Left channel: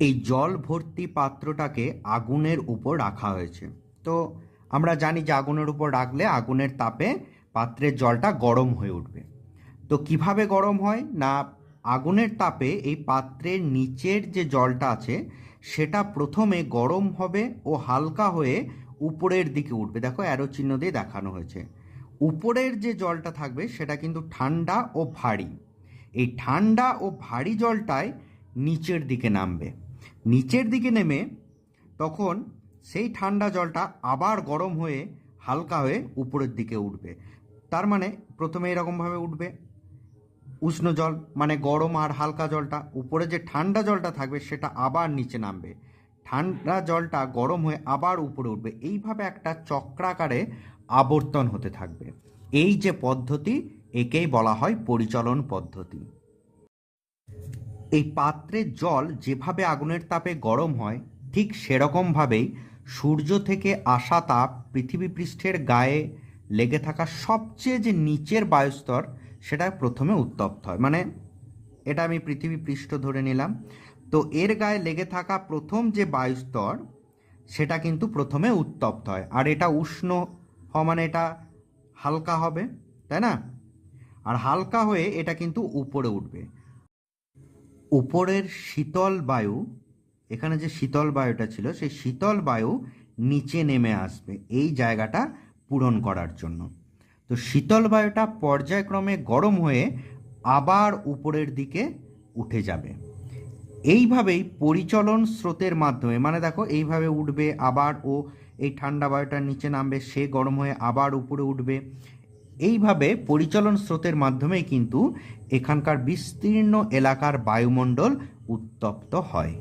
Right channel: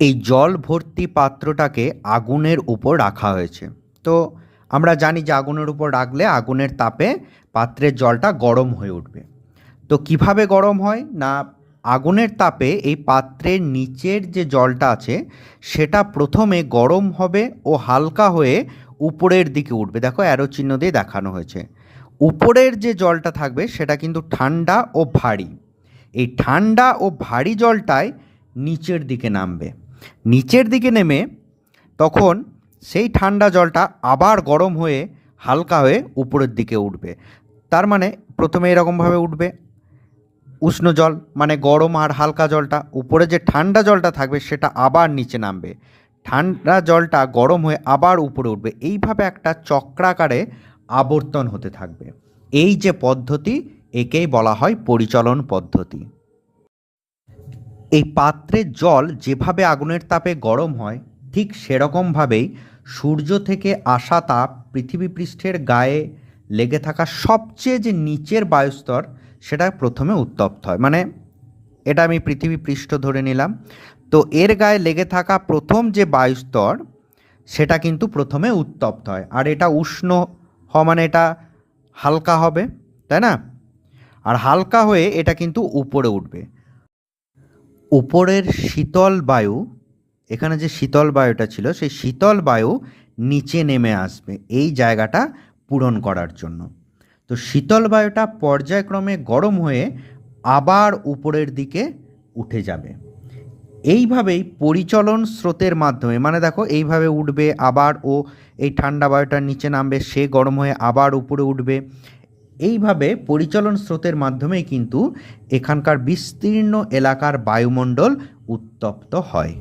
এই জল ভর্তি পাত্রটাকে আগুনের উপর রাখা হয়েছে। তো আমরা জানি যে আগুনের উপর রাখলে আগুনের তাপে পাত্রের জলটা গরম হয়ে উঠবে। তো কীভাবে গরম হয়? না, আগুনের তাপে এই পাত্রের নিচের যে জলটা আছে, সেটা প্রথমে গরম হবে ও হালকা হয়ে উপরের দিকে উঠবে। দেখো অ্যারো চিহ্ন দিয়ে দেখানো হয়েছে। উপরের যে জলটা থাকবে, সেটা কিন্তু ঠান্ডা ও ভারী। এই ঠান্ডা ও ভারী জলটাই নিচের দিকে নামবে। নিচের দিকে নেমে তখন সেই ঠান্ডা জলটা আবার গরম হয়ে হালকা হয়ে উপরের দিকে উঠবে। তার মানে প্রথমে এরকমভাবে উঠবে। উষ্ণ জল মানে গরম আর হালকা জলটা, উপরে যে ঠান্ডা জলটা থাকবে সেটা আবার নিচে নামবে। ঠান্ডা জলটা গরম হয়ে আবার উপরে উঠবে। এইভাবে একটা চক্রাকারে আবর্তন হতে থাকবে। এই যে পদ্ধতি, একেই বলা হয় পরিচলন পদ্ধতি। এই পাত্রের জল যেভাবে আগুনের তাপে গরম হয়, ঠিক সেরকমভাবেই সূর্য থেকে আসা তাপ পৃথিবী পৃষ্ঠের গায়ে লেগে থাকা সবচেয়ে যে নিচের বায়ুস্তর, সেটা প্রথমে উত্তপ্ত হয়। মানে এটা আমি পৃথিবী পৃষ্ঠ ধরে নিলাম। তো এর গায়ে লেগে থাকা প্রথম যে বায়ুস্তর, সেটা কিন্তু প্রথমে উত্তপ্ত হয়। আর এটা উষ্ণ হওয়া মানে এটা হালকা হবে, তাই না? আর হালকা হয়ে এটা কিন্তু উপরে উঠবে। উপরের শীতল বায়ু, এখানে যে শীতল বায়ুটা ছিল, সেই শীতল বায়ু নিচে নেমে আসবে এই জায়গাটা পূরণ করার জন্য। তো শীতল বায়ুটা পর্যায়ক্রমে গরম হয়ে আবার উপরের দিকে উঠে যাবে। এইভাবেই পরিচলন স্রোতের মাধ্যমে মানে দেখো এইভাবে উঠবে আবার ও এই ঠান্ডা বায়ুটার নিচে নামবে, সে গরম হয়ে আবার উপরে উঠবে। এইভাবে পরিচালন স্রোতের মাধ্যমেই কিন্তু এখানকার বিস্তীর্ণ এলাকার বায়ুমণ্ডল উত্তপ্ত হয়।